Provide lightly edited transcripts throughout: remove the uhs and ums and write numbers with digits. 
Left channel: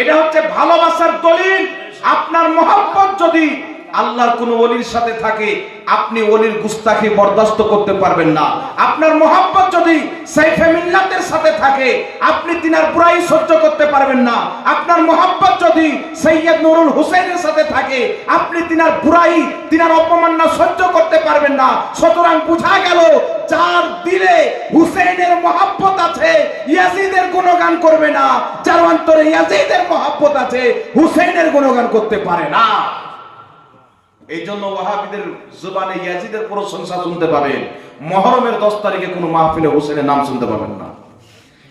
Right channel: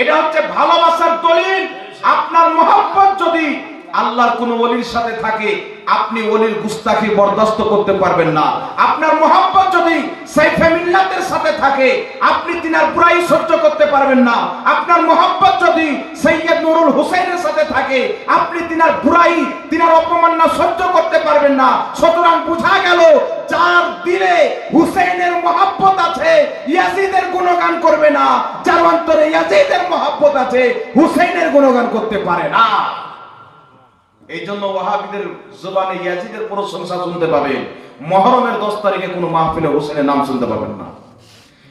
এটা হচ্ছে ভালোবাসার দলিল। আপনার মহব্বত যদি আল্লাহর কোন ওলির সাথে থাকে, আপনি ওলির গুস্তাখি বরদাস্ত করতে পারবেন না। আপনার মহব্বত যদি সাইফে মিল্লাতের সাথে থাকে, আপনি তিনার বুরাই সহ্য করতে পারবেন না। আপনার মহব্বত যদি সৈয়দ নুরুল হুসাইনের সাথে থাকে, আপনি তিনার বুরাই, তিনার অপমাননা সহ্য করতে পারবেন না। সুতরাং বোঝা গেল, যার দিলে হুসাইনের মহব্বত আছে, ইয়াজিদের গুণগান করবে না। যার অন্তরে ইয়াজিদের মহব্বত আছে, হুসাইনের গুণগান করতে পারে না। এই জন্য ওয়াহাবিদের জবানে ইয়াজিদের প্রশংসা শুনতে পাবেন, মুহররমের 10 তারিখে কোনো মাহফিলে হোসেনের নাম শুনতে পাবেন না,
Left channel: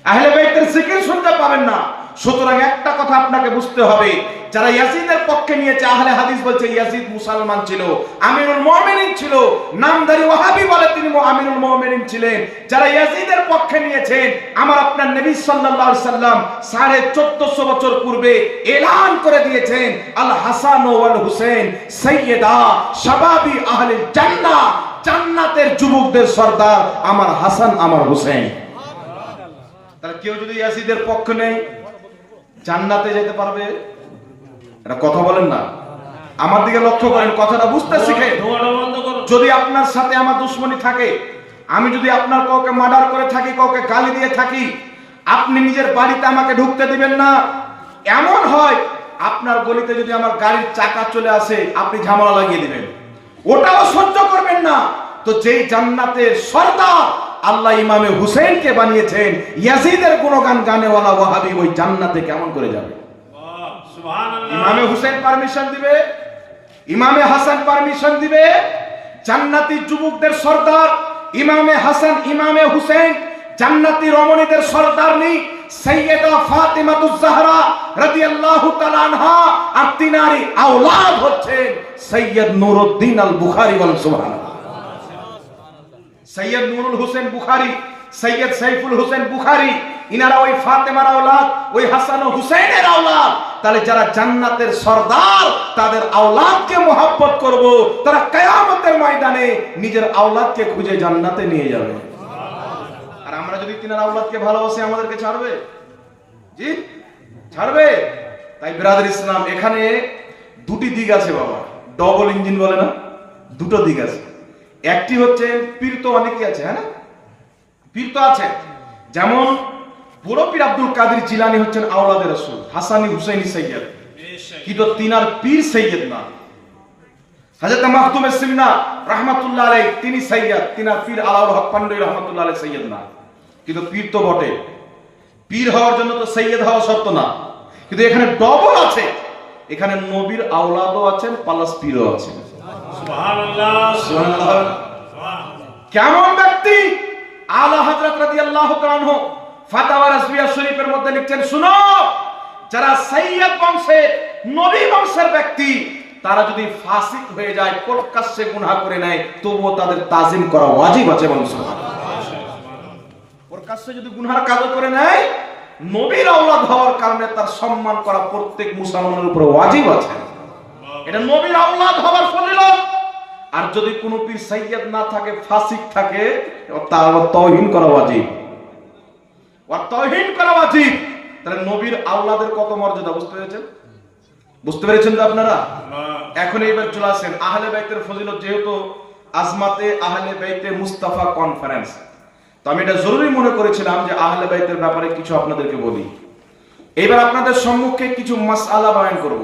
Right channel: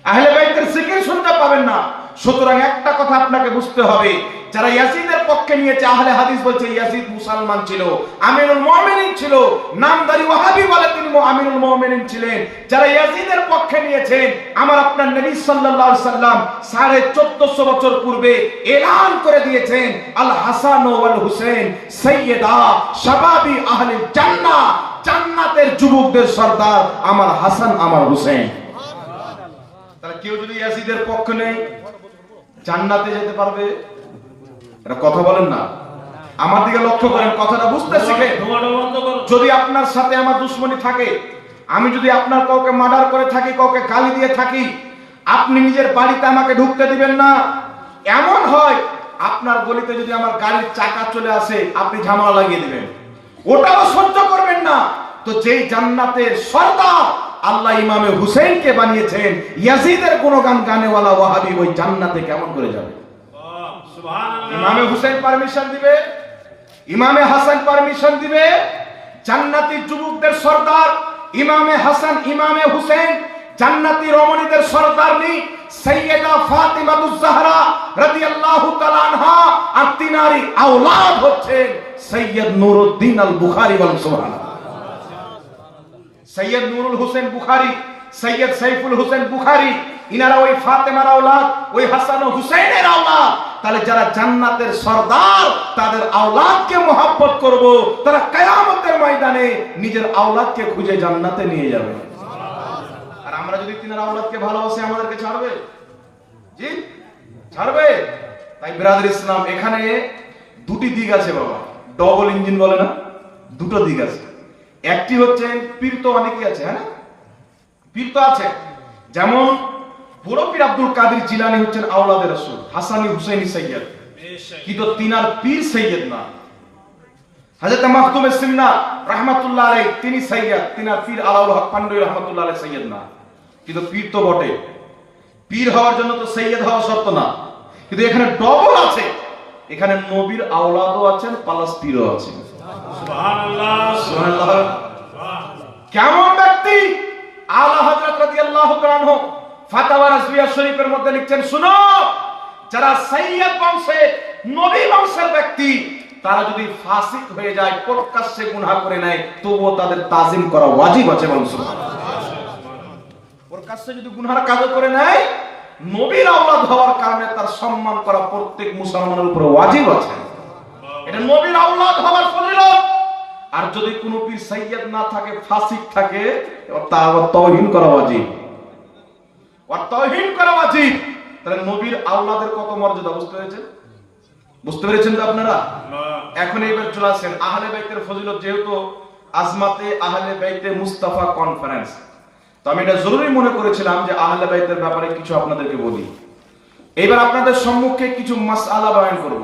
আহলে বাইতের জিকির শুনতে পাবেন না। সুতরাং একটা কথা আপনাকে বুঝতে হবে, যারা ইয়াজিদের পক্ষে নিয়েছে, আহলে হাদিস বলছে ইয়াজিদ মুসলমান ছিল, আমিরুল মুমিনিন ছিল, নামধারী ওয়াহাবি বলে তিনি আমিরুল মুমিনিন ছিলেন। যারা ইয়াজিদের পক্ষে নিয়েছেন, আমার আপনার নবী সাল্লাল্লাহু আলাইহি সাল্লাম 1450 বছর পূর্বে এলান করে দিয়েছেন, আল হাসান ওয়াল হুসাইন সাইয়্যিদা শাবাবি আহলিল জান্নাহ, জান্নাতের যুবকদের সরদার আমার হাসান আমার হুসাইন। তাহলে কেউ যদি ইয়াজিদের পক্ষে নেই, জান্নাতে যেতে পারবে? এটা কথা বলেন না, আমার দিকে লক্ষ্য করেন, কথাটা বুঝতে শিখেন। যদি আপনার সাথে আমার দুশ্মনী থাকে, আমি যদি আপনার কাউকে মার্ডার করে থাকি, কাউকে গালি দিয়ে থাকি, আপনি নিজের বাড়িতে আমাকে ঢুকতে দিবেন না। এমন হয় আপনার গলিতে যদি আমার গাড়ির চাকা চলে আসে, আপনি ঝামেলা লাগিয়ে দিবেন, ওটাও সহ্য করবেন না। তো যেই জান্নাতের সরদার আল্লাহ ইমামে হুসেনকে বানিয়েছেন, ইয়াজিদের গুণগান গানেওয়ালা ওয়াহাবি ওই জান্নাতে কেমন করে যাবে? ইমামে হুসেন পারমিশন দিবে, ইমামে হাসান পারমিশন দিবে। জান্নাতি যুবকদের সরদার ইমামে হাসান ইমামে হুসেন, জান্নাতি রমণীদের সরদারনি সাইয়্যিদা ফাতিমাতুজ জাহরা রাদিয়াল্লাহু তাআলা আনহা, আর তিনারই আওলাদ হচ্ছেন সৈয়দ নুরউদ্দিন আল বুখারী। বলেন সুবহানাল্লাহ। সৈয়দ নুরুল হুসেন বুখারী, সৈয়দ সাইফুল হোসেন বুখারী, ইনারা ওই ফাতেমার আওলাদ, ওই হাসান ও হুসাইনের আওলাদ। তাহলে যারা জান্নাতের সরদার, তাদের আওলাদকে মহব্বত করব, তারা কিয়ামতের ময়দানে নিজের আওলাদকে খুঁজে জান্নাতে নিয়ে যাবে। আর আমরা যদি তিনার আওলাদকে ভালোবাসি, আমাদেরকে ছাড়বে? জি, ছাড়বে? তাই ব্রাদার ইসলাম, এখানে দুটি দিক আছে বাবা, ডবল ইঞ্জিন বলে না, দুটো দিক আছে। একটি হচ্ছে পীর, তো অনেকেই আছে, হ্যাঁ পীর তো আছে, যেমন বড় পীর আব্দুল কাদের জিলানী হচ্ছেন আওলাদে রাসূল, হাসানি হুসাইনি সৈয়দ, কিন্তু তিনার পীর সৈয়দ না। হযরত মাখদুম সিন্না রাহমাতুল্লাহ আলাইহি তিনি সৈয়দ, তিনার পীর আলাউল হক পান্ডে রাহমাতুল্লাহ আলাইহি সৈয়দ না, কিন্তু পীর তো বটে। পীর হওয়ার জন্য তো সৈয়দ হওয়া শর্ত না, কিন্তু এখানে ডবল আছে, এখানে নবীর আওলাদও আছেন, প্লাস পীরও আছেন। সুবহানাল্লাহ, সুবহানাল্লাহ। কেমন ব্যক্তি? আলা হযরত রাদিয়াল্লাহু তাআলা আনহু ফাতাওয়া রাজবিয়া শরীফের মধ্যে লিখছেন, শুনো, যারা সৈয়দ বংশের, নবী বংশের ব্যক্তি, তারা যদি ফাসিক হয়ে যায়, প্রকাশ্যে গুনাহ করে নেয়, তবুও তাদের তাজিম করা ওয়াজিব আছে। প্রকাশ্যে যদি গুনাহর কাজ করে নেয়, নবীর আওলাদ হওয়ার কারণে তার সম্মান করা প্রত্যেক মুসলমানের উপর ওয়াজিব আছে। এটা নবীর আওলাদ হওয়ার ফজিলত। আর যদি কোনো পীর সৈয়দ না থাকে, ফাসিক থাকে, তার তাওহীন করা ওয়াজিব, আর তাওহীন করা ওয়াজিব। তাহলে নবীর আওলাদের কত মর্যাদা বুঝতে পেরেছেন? বুঝতে পেরেছেন তো আপনারা? এখন এইবার চলে আসেন আহলে বাইতের ফজিলত। যেহেতু আজমাতে আহলে বাইতে মুস্তাফা কনফারেন্স, তো আমি এটা জরুরি মনে করেছিলাম যে আহলে বাইতের ব্যাপারে কিছু আপনাদেরকে বলি। এবার আপনাদের সম্মুখে কিছু মাসআলা বয়ান করব,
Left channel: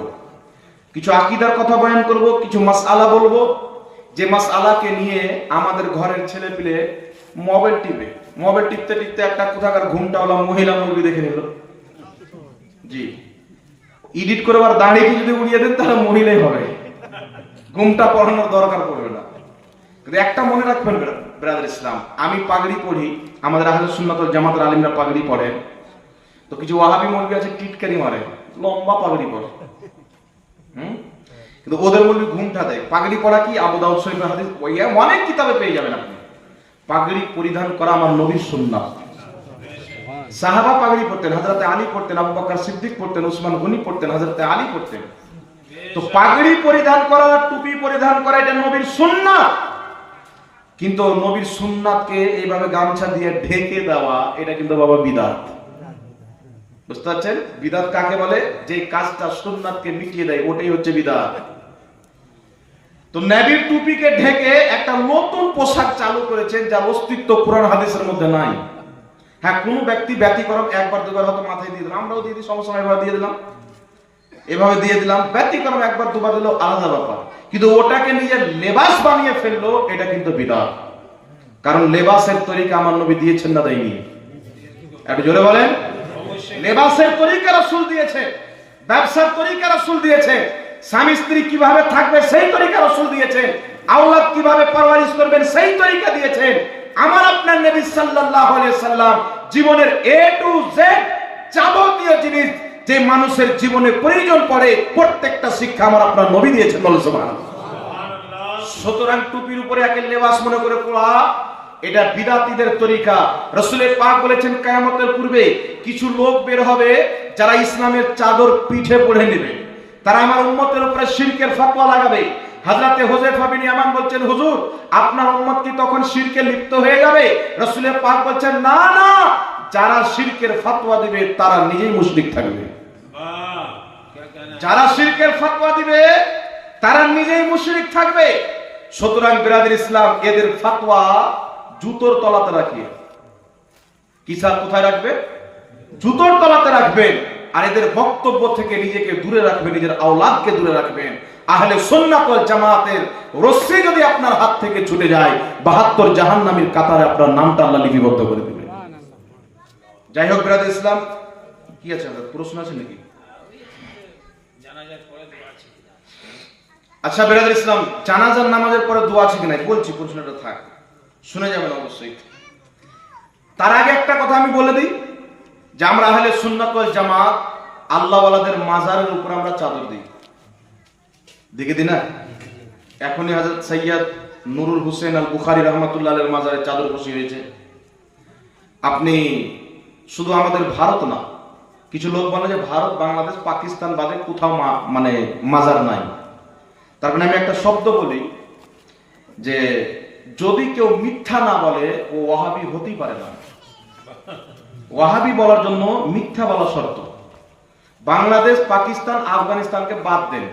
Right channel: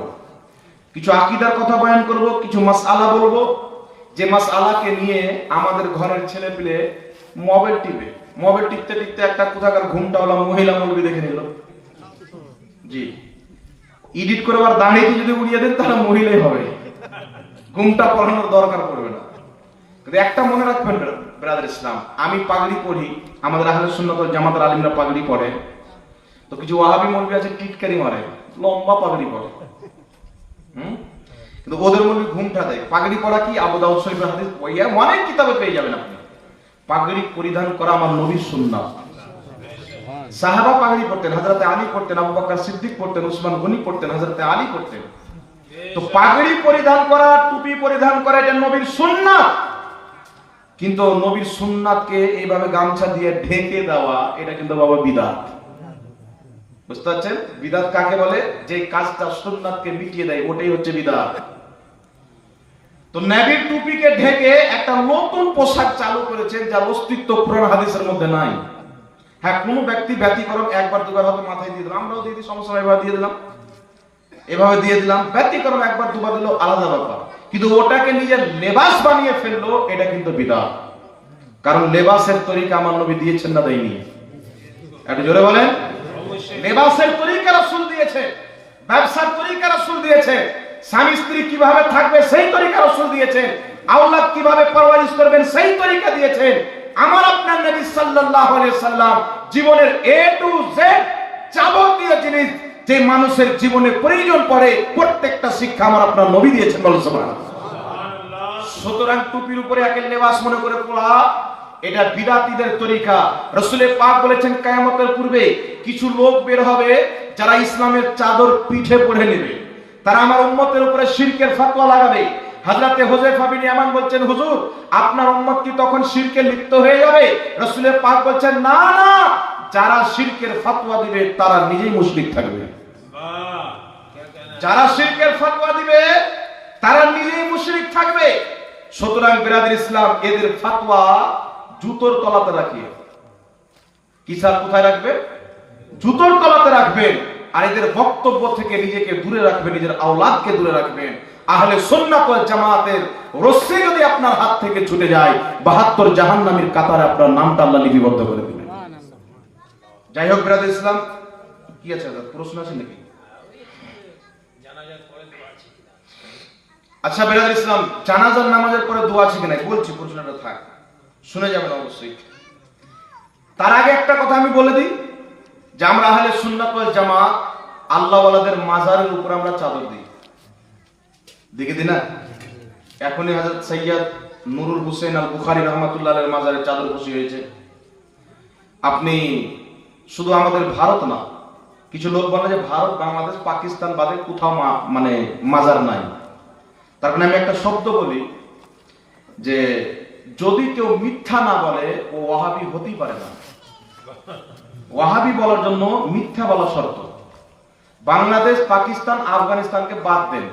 কিছু আকীদার কথা বয়ান করব, কিছু মাসআলা বলবো, যে মাসআলাকে নিয়ে আমাদের ঘরের ছেলে পেলে মোবাইল টিপতে টিপতে একটা কোথাকার ঘুমটাওয়ালা মহিলা মুরগি দেখে নিল। জি, এডিট করবার দাঁড়িয়ে যদি উড়িয়ে দেন তাহলে মহিলাই হবে, ঘুমটা পড়ানোর দরকার পড়বে না। কিন্তু একটা মনে রাখবেন ব্রাদার ইসলাম, আমি পাগড়ি পড়ি, আমাদের আহলে সুন্নাত ওয়াল জামাতের আলিমরা পাগড়ি পড়ে, তো কিছু ওয়াহাবি মুরগি আছে টিটকারি মারে, লম্বা পাগড়ি পড়ে, কিন্তু ওদের মধ্যে ঘুমটা দেয়। পাগড়ি পরা কি আবু দাউদ শরীফের হাদিস, অনেক কিতাবে পেয়ে যাবেন আপনি। পাগড়ি পরিধান করা আমার নবীর সুন্নাত। সাহাবা পাগড়ি পরতেন, হযরত আলী পরতেন, আবু বকর সিদ্দিক পরতেন, উসমান গনি পরতেন, হযরত আলী পরতেন। তো পাগড়ি পরিধান করা, টুপি পরিধান করা, এটা নবীর সুন্নাত। কিন্তু নবীর সুন্নাতকে এইভাবে গামছা দিয়ে ঢেকে দেওয়া, এটা কিন্তু বাবা বিদআত। বুঝতে পারছেন বিদআত কাকে বলে? যে কাজটা সুন্নাতকে মিটিয়ে দেয়, ওটাই হচ্ছে বিদআত। তো নবীর টুপিকে ঢেকে একটা নতুন পোশাক চালু করেছেন, যার অস্তিত্ব কোরআন হাদিসের মধ্যে নাই। হ্যাঁ, কোন ব্যক্তি ব্যতিক্রম একবার দুবার হয়তো মাথায় দিয়ে দিলাম, আমরাও দিয়ে দিই, সমস্যা এভাবে দিয়ে দিলাম, এভাবে দিয়ে দিলাম, ব্যতিক্রম একবার দুবার দিল, আলাদা ব্যাপার। কিন্তু ওটাকে নিজের লেবাস বানিয়ে ফেললো, এটা কিন্তু বিদআত। কারণ লেবাসের তরিকা আমার নবী দিয়েছেন না দেয়নি? একটু জোরে বলেন। লেবাসের তরিকা রাসূল দিয়েছে, ব্যবসার তরিকা রাসূল দিয়েছে, স্বামী স্ত্রী কিভাবে থাকবে সেই তরিকা রাসূল দিয়েছেন, আওলাদ কিভাবে পারওয়ারিশ করবেন সেই তরিকা দিয়েছেন। আমার আপনার নবী সাল্লাল্লাহু আলাইহি সাল্লাম জীবনের এ টু জেড যাবতীয় জিনিস যে মানুষের জীবনে প্রয়োজন পড়ে, প্রত্যেকটা শিক্ষা আমার আপনার নবী দিয়েছেন। বলুন সুবহানাল্লাহ। সুতরাং টুপির উপরে একের লেবাস মনে করে পড়া, এটা বিদআতীদের তরিকা। রাসূলের পাক বলেছেন কিয়ামতের পূর্বে কিছু লোক বের হবে যারা ইসলামের চাদর পিঠে পড়ে নেবে, তারা আমার উম্মতের উপরে শিরকের ফতোয়া লাগাবে। হযরতে হুযায়ফা বিন ইয়ামান বলছেন, হুজুর আপনার উম্মত কি তখন শিরকে লিপ্ত হয়ে যাবে? রাসূলের পাক বলছেন, না না, যারা শিরকের ফতোয়া দিবে তারা নিজেই মুশরিক থাকবে। যারা শিরকের ফতোয়া দিবে তারা নিজেই মুশরিক থাকবে। সুতরাং বিরাদর ইসলাম, এদের ফতোয়া জুতোর তলাতে রাখিয়ে, কিসা কোথায় রাখবে? জুতোর তলাতে রাখবেন। আর এদের বক্তব্য থেকে নিজেকে দূরে রাখবেন, নিজের আওলাদকে দূরে রাখবেন। আহলে সুন্নাত ওয়াল জামাতের রশ্মি যদি আপনার হাত থেকে ছুটে যায়, 72 জাহান্নামীর কাতারে আপনার নামটা আল্লাহ লিপিবদ্ধ করে দিবেন। যাই হোক বিরাদর ইসলাম, কি আছে প্রশ্ন আছে নাকি? আচ্ছা বিরাদর ইসলাম, জানাজার নামাজের পরে দোয়া আছে কিনা বলছি, প্রশ্নটা থাক, শুনে যাবেন অবশ্যই। তার আগে একটা কথা আমি বলে দিই যে আমরা আহলে সুন্নাত ওয়াল জামাত আল্লাহ ওয়ালাদের মাজারের উপর আমরা চাদর দিই, দেখে দিই না? এখনই হযরত সৈয়দ নুরুল হোসেন আল বুখারী রাহমাতুল্লাহ আলাইহির মাজারে চাদর বসি হয়েছে। আপনি শুধু আমাদের ভারত না, কিছু লোক বলে যে ভারত বাংলাদেশ পাকিস্তান বাদে কোথাও মানে মাজার নাই। তার মানে আমি একটা শব্দ বলি যে যদি কেউ মিথ্যা না বলে ও ওয়াহাবি হতেই পারে না। ওয়াহাবি বলার জন্য মিথ্যা বলা শর্ত। বাংলাদেশ পাকিস্তান আফগানিস্তানকে বাদ দেন,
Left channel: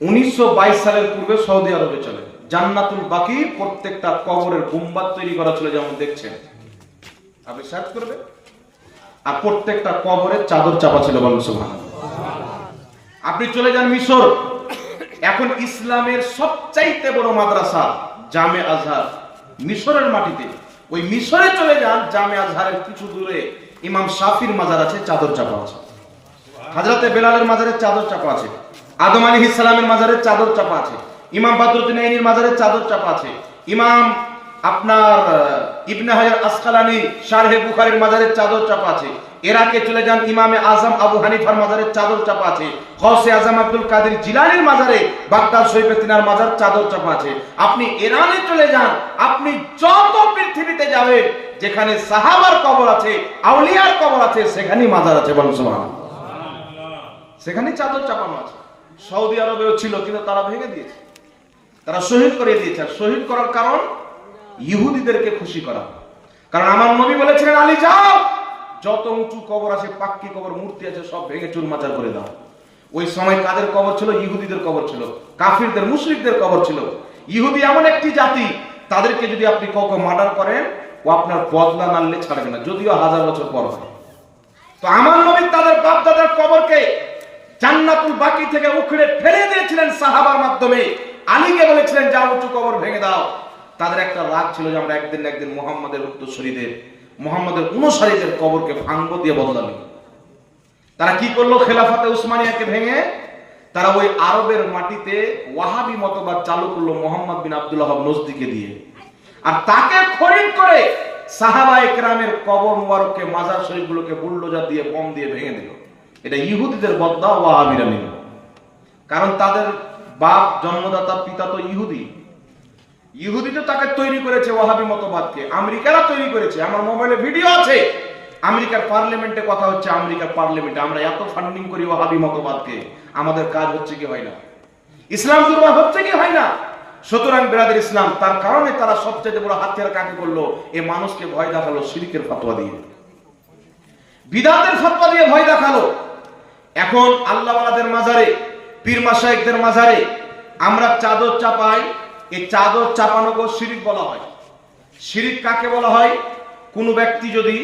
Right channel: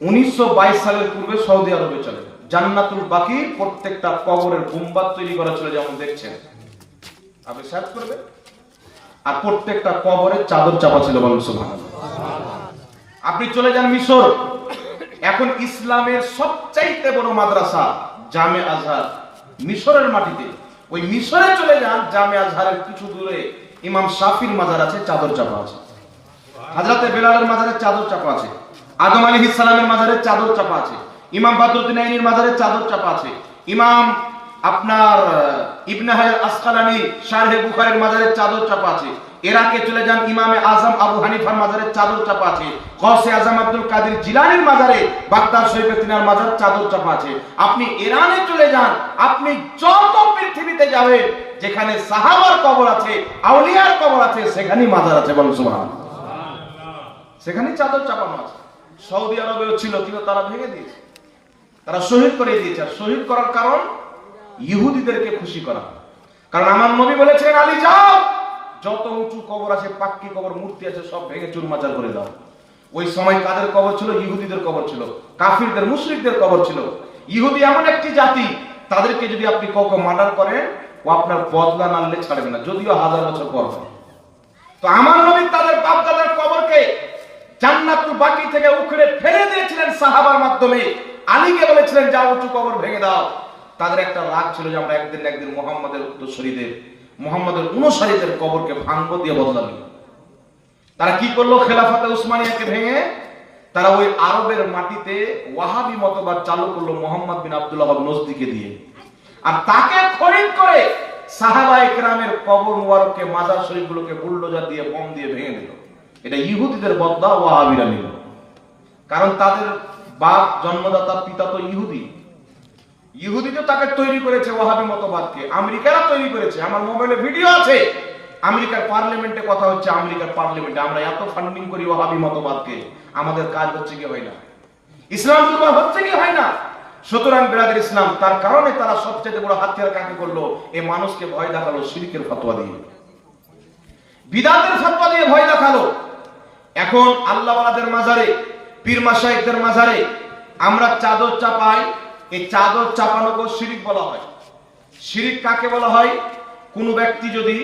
1922 সালের পূর্বে সৌদি আরবে চলে জান্নাতুল বাকি প্রত্যেকটা কবরের গুম্বাদ তৈরি করা চলে, যেমন দেখছেন আপনি সার্চ করবেন, আর প্রত্যেকটা কবরের চাদর চাপা ছিল। বলুন সুবহানাল্লাহ। আপনি চলে যান মিশর, এখন ইসলামের সবচাইতে বড় মাদ্রাসা জামে আজহার মিশরের মাটিতে, ওই মিশরে চলে যান, জামে আজহারের কিছু দূরে ইমাম শাফির মাজার আছে, চাদর চাপা আছে। হযরতে বেলালের মাজারে চাদর চাপা আছে, আদম আলাইহিস সালামের মাজারে চাদর চাপা আছে, ইমাম বদরুদ্দিন আইনির মাজারে চাদর চাপা আছে, ইমাম আপনার ইবনে হাজার আসকালানি শারহে বুখারীর মাজারে চাদর চাপা আছে। ইরাকে চলে যান, ইমামে আজম আবু হানিফার মাজারে চাদর চাপা আছে। গৌসে আজম আব্দুল কাদের জিলানীর মাজারে, বাগদাদ শরীফে তিনার মাজার চাদর চাপা আছে। আপনি ইরানে চলে যান, আপনি যত পৃথিবীতে যাবেন যেখানে সাহাবার কবর আছে, আউলিয়ার কবর আছে, সেখানেই মাজার আছে। বলুন সুবহানাল্লাহ। সেখানেই চাদর চাপানো আছে। সৌদি আরবেও ছিল, কিন্তু তারা ভেঙে দিয়েছে, তারা শহীদ করে দিয়েছে। আর শহীদ করার কারণ ইহুদিদেরকে খুশি করা। কারণ আমার নবী বলেছিলেন, আলী যাও, যত উঁচু কবর আছে, পাক্কি কবর, মূর্তি আছে, সব ভেঙে চুরমাচার করে দাও। ওই সময় কাদের কবর ছিল? ইহুদিদের কবর ছিল, কাফিরদের মুশরিকদের কবর ছিল। ইহুদি এমন একটি জাতি, তাদেরকে যদি আপনি কখনো মার্ডার করেন, ও আপনার বদলা না নিলে ছাড়বে না, যদিও 1000 বছর পর। তো আমার নবী তাদের বাপ দাদার কবরকে জান্নাতুল বাকি থেকে উখড়ে ফেলে দিয়েছিলেন সাহাবার মাধ্যমে। আলীকে বলেছিলেন, যাও উঁচু কবর ভেঙে দাও। তাদের একটা রাগ ছিল যে আমরা একদিন মুহাম্মাদের উত্তরসূরিদের, মুহাম্মাদের অনুসারীদের কবরকে ভাঙবো, দিয়ে বদলা নিব। তারা কি করলো? খেলাফতে উসমানিয়াকে ভেঙে তারা ওই আরবের মাটিতে ওয়াহাবি মতবাদ চালু করলো মুহাম্মদ বিন আব্দুল ওয়াহাব নজদিকে দিয়ে। আর তাকে খরিদ করে সাহাবায়ে কেরামের কবর মুবারককে, মাজার শরীফগুলোকে বুলডোজার দিয়ে, বম দিয়ে ভেঙে দিল। এটা ইহুদিদের বদলা ওয়াহাবিরা নিল। কারণ তাদের বাপ, জন্মদাতা, পিতা তো ইহুদি। ইহুদি তো তাকে তৈরি করেছে ওয়াহাবি মতবাদকে, আমেরিকারা তৈরি করেছে। আমার মোবাইলে ভিডিও আছে, আমেরিকার পার্লামেন্টে কথা হচ্ছে, আমেরিকার পার্লামেন্টে আমরা এত ফান্ডিং করি ওয়াহাবি মতবাদকে, আমাদের কাজ হচ্ছে কি হয় না? ইসলাম দুর্বল হচ্ছে কি হয় না? সুতরাং বিরাদর ইসলাম, তার কারণে তারা সবচেয়ে বড় হাতিয়ার কাকে করলো? এই মানুষকে ভয় দেখালো শিরকের ফতোয়া দিয়ে। বিদাতের ফতোয়া দিয়ে ভয় দেখালো। এখন আল্লাহ ওয়ালাদের মাজারে, পীর মাশায়েখদের মাজারে আমরা চাদর চাপাই। এই চাদর চাপানোকে শিরিক বলা হয়। শিরিক কাকে বলা হয়? কোন ব্যক্তি যদি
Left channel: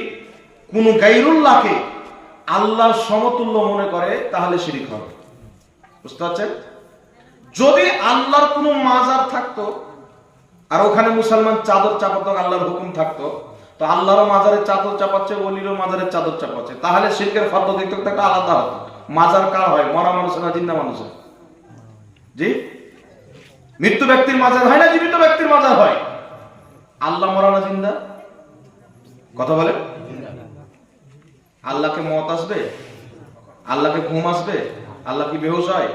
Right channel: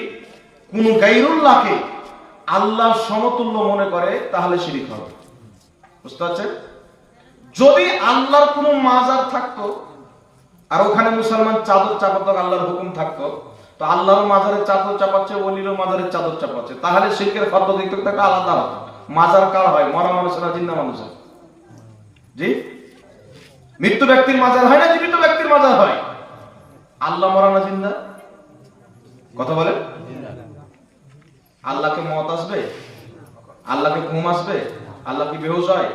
কোন গায়রুল্লাহকে আল্লাহর সমতুল্য মনে করে তাহলে শিরিক হবে। বুঝতে পারছেন? যদি আল্লাহর কোন মাজার থাকতো আর ওখানে মুসলমান চাদর চাপাতো, আল্লাহর হুকুম থাকতো, তো আল্লাহর মাজারে চাদর চাপাচ্ছে, ওলিরও মাজারে চাদর চাপাচ্ছে, তাহলে শিরকের ফতোয়া দিতে একটা আলাদা হবে। মাজার কার হয়? মরা মানুষের না জিন্দা মানুষের? জি, মৃত্যু ব্যক্তির মাজার হয় না জীবিত ব্যক্তির মাজার হয়? আল্লাহ মরা না জিন্দা? কথা বলে। আল্লাহকে মত আসবে? আল্লাহকে ঘুম আসবে? আল্লাহ কি বেহুশ হয়?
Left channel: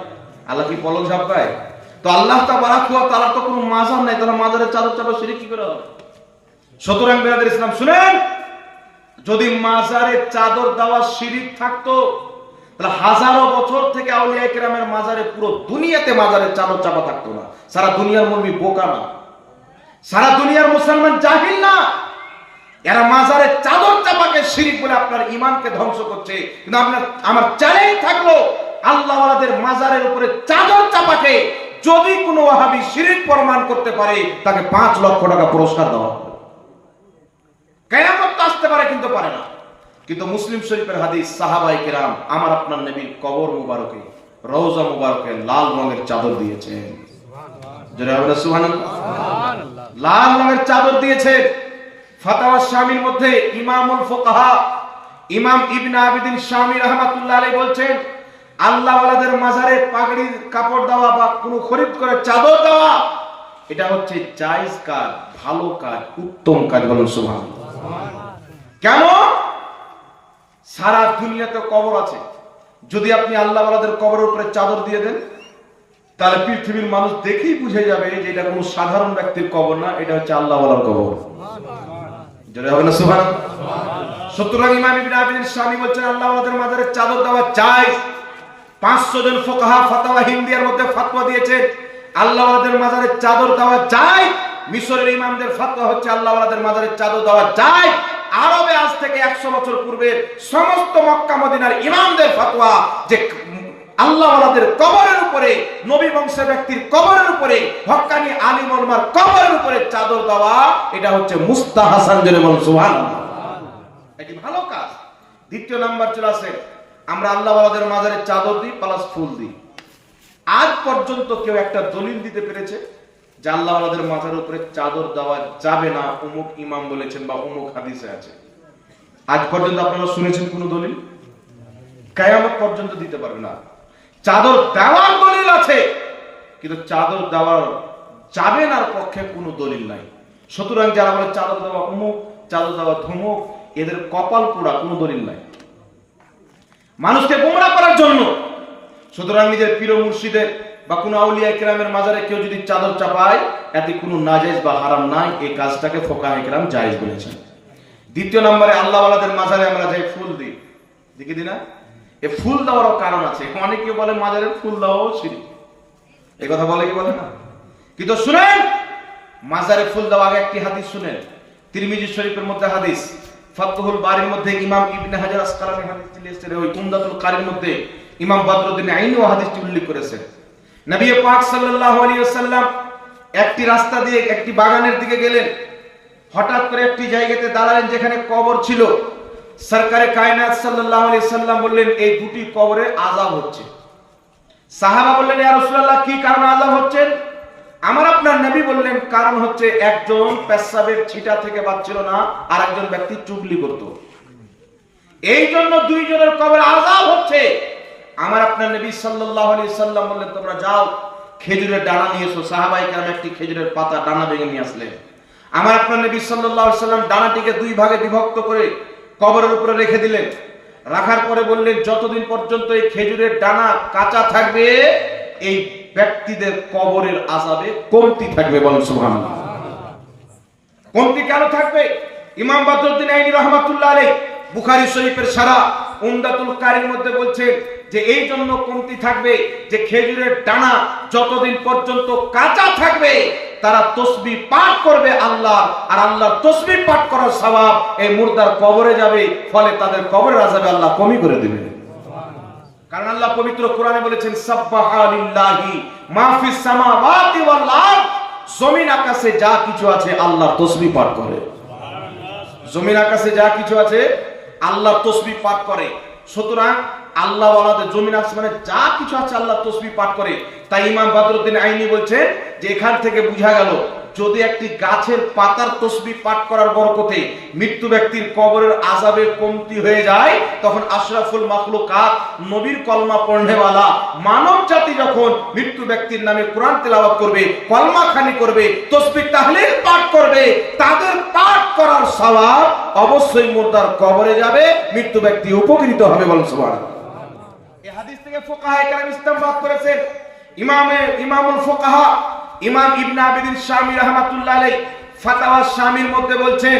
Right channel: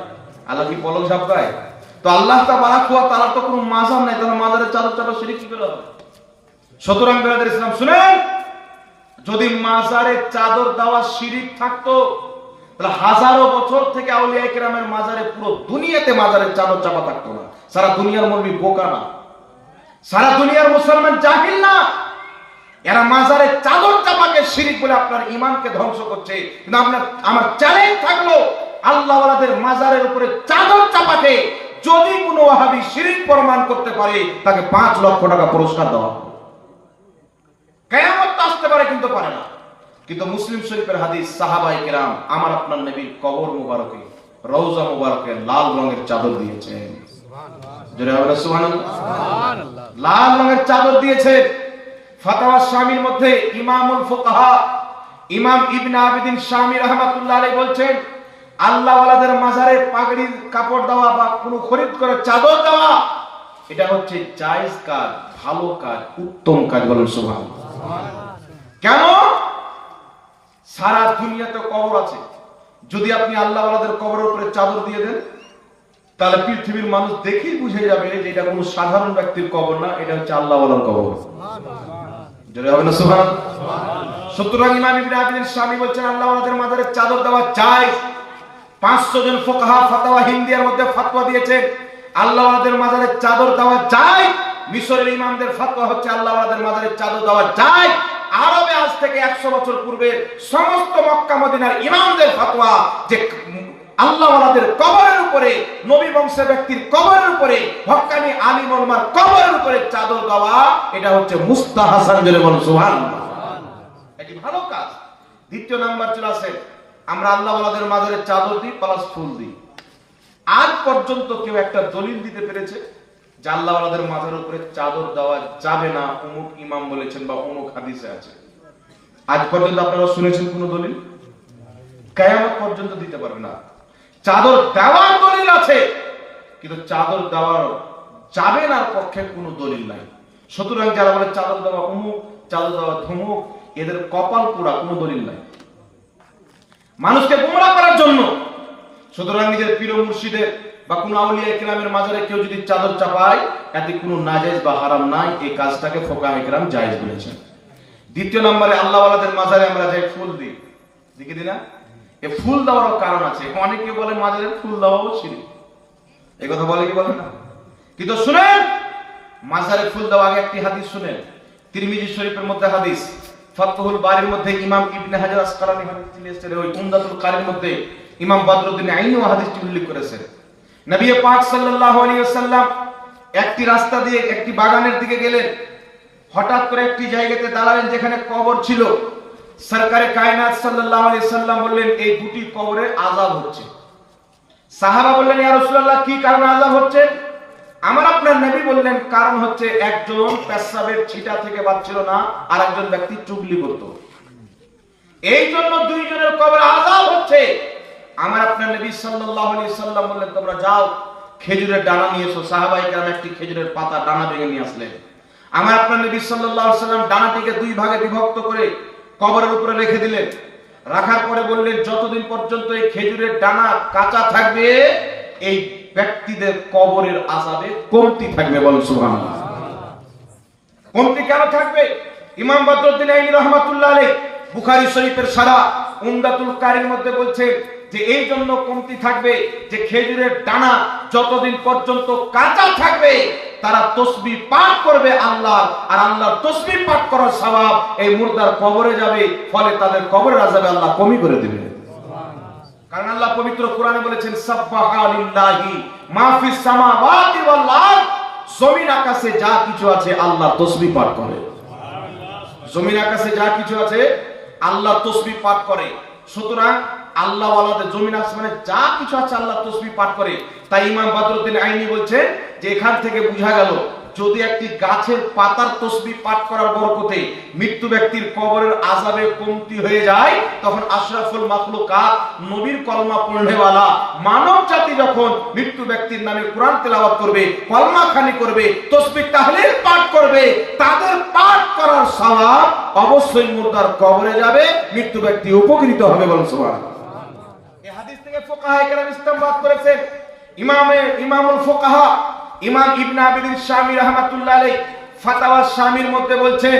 আল্লাহ কি পলক ঝাপকায়? তো আল্লাহ তাআলা তো কোনো মাজার নাই, তাহলে মাজারের চাদর চাপা শিরক কি করে হবে? সুতরাং বিরাদর ইসলাম শুনেন, যদি মাজারে চাদর দেওয়া শিরিক থাকতো তাহলে হাজারো বছর থেকে আউলিয়া কেরামের মাজারে, পুরো দুনিয়াতে মাজারের চাদর চাপা থাকতো না। সারা দুনিয়ার মুমিন বোকা না, সারা দুনিয়ার মুসলমান জাহিল না, এরা মাজারে চাদর চাপাকে শিরিক বলে আপনার ঈমানকে ধ্বংস করছে। কিন্তু আমার চ্যালেঞ্জ থাকলো, আল্লাহ ওয়ালাদের মাজারের উপরে চাদর চাপাকে যদি কোনো ওয়াহাবি শিরিক প্রমাণ করতে পারে তাকে 5 লক্ষ টাকা পুরস্কার দেওয়া হবে। কিয়ামত আসতে পারে কিন্তু পারে না। কিন্তু মুসলিম শরীফের হাদিস, সাহাবায়ে কেরাম আমার আপনার নবীর কবর মুবারকে, রওজা মুবারকে লাল রঙের চাদর দিয়েছেন। জোরে বলেন সুবহানাল্লাহ। লাল রঙের চাদর দিয়েছে। ফাতাওয়া শামির মধ্যে ইমামুল ফুকাহা ইমাম ইবনে আবিদিন শামি রাহমাতুল্লাহ আলাইহি বলছেন, আল্লাহ ওয়ালাদের মাজারে পাগড়ির কাপড় দেওয়া বা কোনো খরিদ করে চাদর দেওয়া, এটা হচ্ছে জায়েজ কাজ, ভালো কাজ, উত্তম কাজ। বলুন সুবহানাল্লাহ। কেন? সারা দুনিয়াতে কবর আছে, যদি আপনি আল্লাহ ওয়ালাদের কবরের উপরে চাদর দিয়ে দেন তাহলে পৃথিবীর মানুষ দেখেই বুঝে যাবে যে এটা কোনো সাধারণ ব্যক্তির কবর না, এটা হচ্ছে আল্লাহ ওয়ালার কবর। জোরে বলেন সুবহানাল্লাহ। সুতরাং ইমাম ইবনে আবিদিন শামি বলছেন আল্লাহ ওয়ালাদের মাজারে চাদর দেওয়া জায়েজ। 500 জন ফুকাহা ফাতাওয়া হিন্দিয়ার মধ্যে ফতোয়া দিয়েছেন আল্লাহ ওয়ালাদের মাজারে চাদর দেওয়া জায়েজ। মিশরের ইমামদের ফতোয়া হচ্ছে আল্লাহ ওয়ালাদের মাজারে চাদর দেওয়া জায়েজ। আরবে আজ থেকে 100 বছর পূর্বের সমস্ত মক্কা মদিনার ইমামদের ফতোয়া যে আল্লাহ ওয়ালাদের কবরের উপরে, নবী বংশের ব্যক্তির কবরের উপরে, হক্কানি আলিম ওলামার কবরের উপরে চাদর দেওয়া, এটা হচ্ছে মুস্তাহাসান। জোরে বলুন সুবহানাল্লাহ। এটি ভালো কাজ। দ্বিতীয় নাম্বার চলে আসে, আমরা আল্লাহ ওয়ালাদের মাজারে চাদর দিই প্লাস ফুল দিই। আজ পর্যন্ত কেউ একটা দলিল দিতে পেরেছে যে আল্লাহ ওয়ালাদের মাজারের উপরে চাদর দেওয়া যাবে না, অমুক ইমাম বলেছেন বা অমুক হাদিসে আছে? আজ পর্যন্ত আপনারা শুনেছেন কোন দলিল? কিয়ামত পর্যন্ত দিতে পারবে না। চাদর দেওয়ার দলিল আছে, কিন্তু চাদর দেওয়ার যাবে না পক্ষে কোনো দলিল নাই। সুতরাং যারা বলে চাদর দেওয়া অমুক, চাদর দেওয়া ধমুক, এদের কপাল পোড়া, কোনো দলিল নাই, মানুষকে গোমরাহ করার জন্য। সুতরাং নিজের পীর মুর্শিদের বা কোনো আউলিয়া কেরামের মাজারে কেউ যদি চাদর চাপায়, এতে কোনো নাজায়েজ বা হারাম নাই, এই কাজটাকে ফুকাহা কেরাম জায়েজ বলেছেন। দ্বিতীয় নম্বরে আল্লাহ ওয়ালাদের মাজারে আমরা যাই ফুল দিই, দেখি দিই না? এই ফুল দেওয়ার কারণ আছে। অনেকে বলে মাজারে ফুল দেওয়াও শিরক, এই কথা বলে কি বলে না? কিন্তু শুনেন, মাজারে ফুল দেওয়া আগে একটি হাদিস শুনেন। তিরমিজি শরীফের মধ্যে হাদিস, ফাতহুল বারির মধ্যে ইমাম ইবনে হাজার আসকালানী হাদিসটি লিখেছেন, ওই উমদাতুল কারির মধ্যে ইমাম বদরুদ্দিন আইনি হাদিসটি উল্লেখ করেছেন। নবী পাক সাল্লাল্লাহু আলাইহি ওয়াসাল্লাম একটি রাস্তা দিয়ে একটি বাগানের দিকে গেলেন। হঠাৎ করে একটি জায়গাতে দাঁড়ালেন যেখানে কবর ছিল। সরকারে কায়নাত সাল্লাল্লাহু আলাইহি সাল্লাম বললেন, এই দুটি কবরে আযাব হচ্ছে। সাহাবা বললেন, ইয়া রাসূলুল্লাহ, কি কারণে আযাব হচ্ছে? আমার আপনার নবী বললেন, কারণ হচ্ছে একজন পেশাবের ছিটা থেকে বাঁচছিল না, আর একজন ব্যক্তি চুগলি করত, এই জন্য দুইজনের কবরে আযাব হচ্ছে। আমার আপনার নবী সাল্লাল্লাহু আলাইহি সাল্লাম বললেন, তোমরা যাও খেজুরের ডানা নিয়ে এসো। সাহাবায়ে কেরাম একটি খেজুরের পাতা ডানা ভেঙে নিয়ে আসলেন। আমার আপনার নবী সাল্লাল্লাহু আলাইহি সাল্লাম ডানাটিকে দুই ভাগে বিভক্ত করে কবরের উপরে রেখে দিলেন। রাখার পরে বললেন, যতদিন পর্যন্ত এই খেজুরের ডানা কাঁচা থাকবে, এই ব্যক্তিদের কবরের আযাবে কমতি থাকবে। বলেন সুবহানাল্লাহ। কমতি কেন থাকবে? ইমাম বদরুদ্দিন আইনি রাহমাতুল্লাহ আলাইহি বুখারী শরীফের সারা উমদাতুল কারীর মধ্যে বলছেন যে এই জন্য কমতি থাকবে যে খেজুরের দানা যতদিন পর্যন্ত কাঁচা থাকবে তারা তাসবিহ পাঠ করবে আল্লাহ, আর আল্লাহর তাসবিহ পাঠ করার সওয়াব এই মুর্দার কবরে যাবে, ফলে তাদের কবরের আযাবে আল্লাহ কমই করে দিবেন। কারণ আল্লাহ পবিত্র কোরআনে বলেছেন সাব্বাহা লিল্লাহি মা ফিস সামাওয়াতি ওয়াল আরদ, জমিন আকাশে যা কিছু আছে আল্লাহ তাসবিহ পাঠ করে। জমিন আকাশে যা কিছু আছে আল্লাহ তাসবিহ পাঠ করে। সুতরাং আল্লাহ ওয়ালাদের জমিন আসমানে যা কিছু আছে আল্লাহ তাসবিহ পাঠ করে। তাই ইমাম বদরুদ্দিন আইনি বলছে যে এখান থেকে বোঝা গেল যদি একটি গাছের পাতার তাসবিহ পাঠ করার বরকতে মৃত্যু ব্যক্তির কবরের আযাবের কমতি হয়ে যায়, তখন আশরাফুল মাখলুকাত নবীর কলমা পড়নেওয়ালা মানব জাতি যখন মৃত্যু ব্যক্তির নামে কোরআন তেলাওয়াত করবে, কলমা খানি করবে, তাসবিহ তাহলিল পাঠ করবে, তাদের পাঠ করার সওয়াব অবশ্যই মুর্দার কবরে যাবে, মৃত্যু ব্যক্তি উপকৃত হবে। বলুন সুবহানাল্লাহ। এই হাদিস থেকে ফুকাহায়ে কেরাম ইস্তেমবাত করেছেন। ইমামুল ফুকাহা ইমাম ইবনে আবিদিন শামী রাহমাতুল্লাহ আলাইহি ফাতাওয়া শামীর মধ্যে বলছেন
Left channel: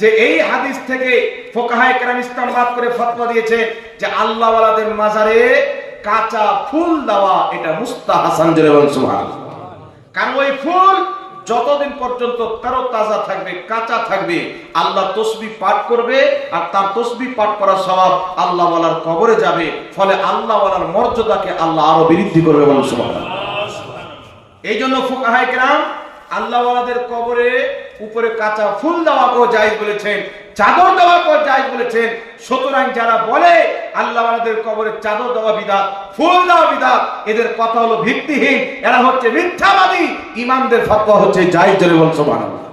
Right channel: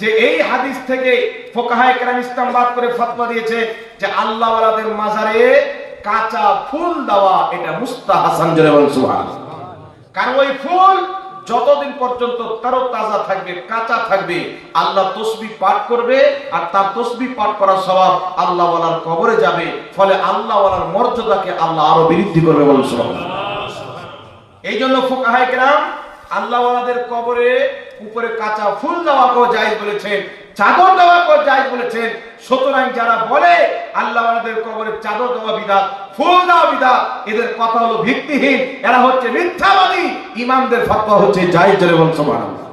যে এই হাদিস থেকে ফুকাহায়ে কেরাম ইস্তেমবাত করে ফতোয়া দিয়েছে যে আল্লাহ ওয়ালাদের মাজারে কাঁচা ফুল দেওয়া এটা মুস্তাহাসান। জোরে বলুন সুবহানাল্লাহ। কারণ ওই ফুল যতদিন পর্যন্ত তাজা থাকবে, কাঁচা থাকবে, আল্লাহ তাসবিহ পাঠ করবে, আর তার তাসবিহ পাঠ করার সওয়াব আল্লাহ ওয়ালার কবরে যাবে, ফলে আল্লাহ ওয়ালার মর্যাদাকে আল্লাহ আরো বৃদ্ধি করবে। বলুন সুবহানাল্লাহ। এই জন্য ফুকাহায়ে কেরাম আল্লাহ ওয়ালাদের কবরে উপরে কাঁচা ফুল দেওয়াকেও জায়েজ বলেছেন, চাদর দেওয়াকেও জায়েজ বলেছেন। সুতরাং যারা বলে আল্লাহ ওয়ালাদের কবরে চাদর দেওয়া বিদআত, ফুল দেওয়া বিদআত, এদের কথা হলো ভিত্তিহীন, এরা হচ্ছে মিথ্যাবাদী। ইমামদের ফতোয়া হচ্ছে জায়েজ। জোরে বলুন সুবহানাল্লাহ।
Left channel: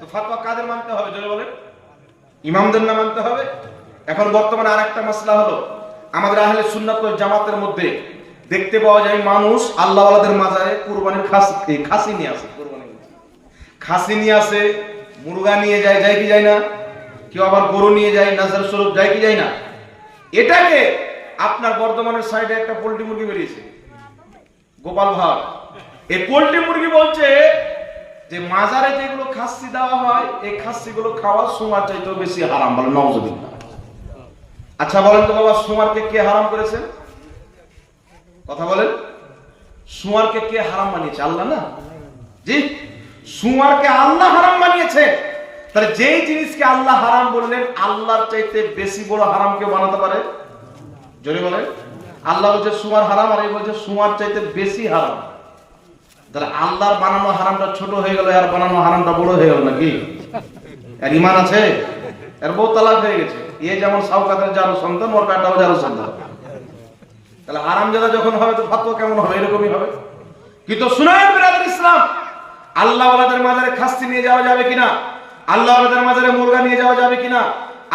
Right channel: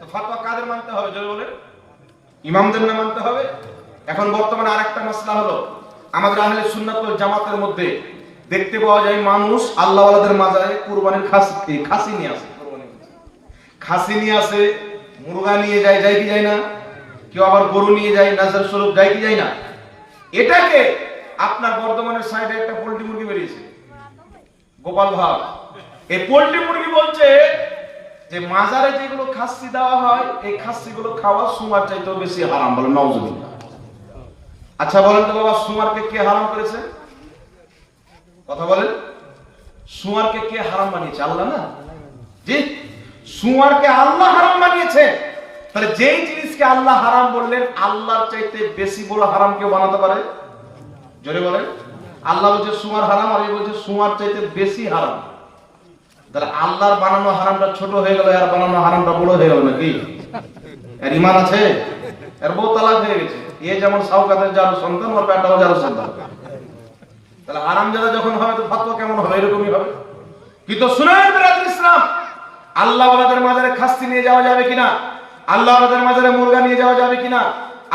তো ফতোয়া কাদের মানতে হবে? জোরে বলেন। ইমামদের না মানতে হবে? এখন বর্তমানে আরেকটা মাসলা হলো আমাদের আহলে সুন্নাত ওয়াল জামাতের মধ্যে দেখতে পাওয়া যায় মানুষ আল্লাহ ওয়ালাদের মাজারে কুরবানির খাসি নিয়ে আসে, খাসি নিয়ে আসে, মুরগা নিয়ে যায়, যায় কি যায় না? কেউ আবার গরু নিয়ে যায়, নাজার স্বরূপ যায় কি যায় না? এটাকে আপনার বর্ধমানের সাইডে একটা পোল্ট্রি মুরগি বেরিয়েছে, গোপাল ভাগ, এই পোল্ট্রি মুরগি বলছে যে মাজারে যেগুলো খাসি দেওয়া হয় এই খাসিগুলো খাওয়া সুমার চাইতেও বেশি হারাম। বলেন নাউজুবিল্লাহ। আচ্ছা বলেন তো বাবা, সুমারকে কে হারাম করেছে? কথা বলেন। সুমারকে কে হারাম বানিয়েছে? আল্লাহ না? জি, সুমারকে আল্লাহ হারাম বানিয়েছে। তাহলে যেই জিনিসকে আল্লাহ হারাম বললেন, আল্লাহর চাইতে বেশি বড় হারাম কে বানাতে পারে? জোরে বলেন। আল্লাহ বলছে সুমার হারাম, আর এই বলছে সুমার চাইতে বেশি হারাম। তাহলে আল্লাহর বানানো হারামটা ছোট হয়ে গেল, আর বানানো হারামটা বড় হয়ে গেল নাকি? এর ঈমান আছে? এর বউ তালাক হয়ে গেছে। এ যেমন সাওকাতের জারু সন্তান, ওর বেটাও জারু সন্তান। তাহলে আরাম যারা যখন হবে তো ফতোয়া কেমন হবে? এরকমই হবে। কিন্তু শুনেন বিরাদর ইসলাম, আল্লাহ ওয়ালাদের মাজারে খাসি নিয়ে যাওয়া যাবে কিনা, আল্লাহ ওয়ালাদের মাজারে মুরগা নিয়ে যাওয়া যাবে কিনা,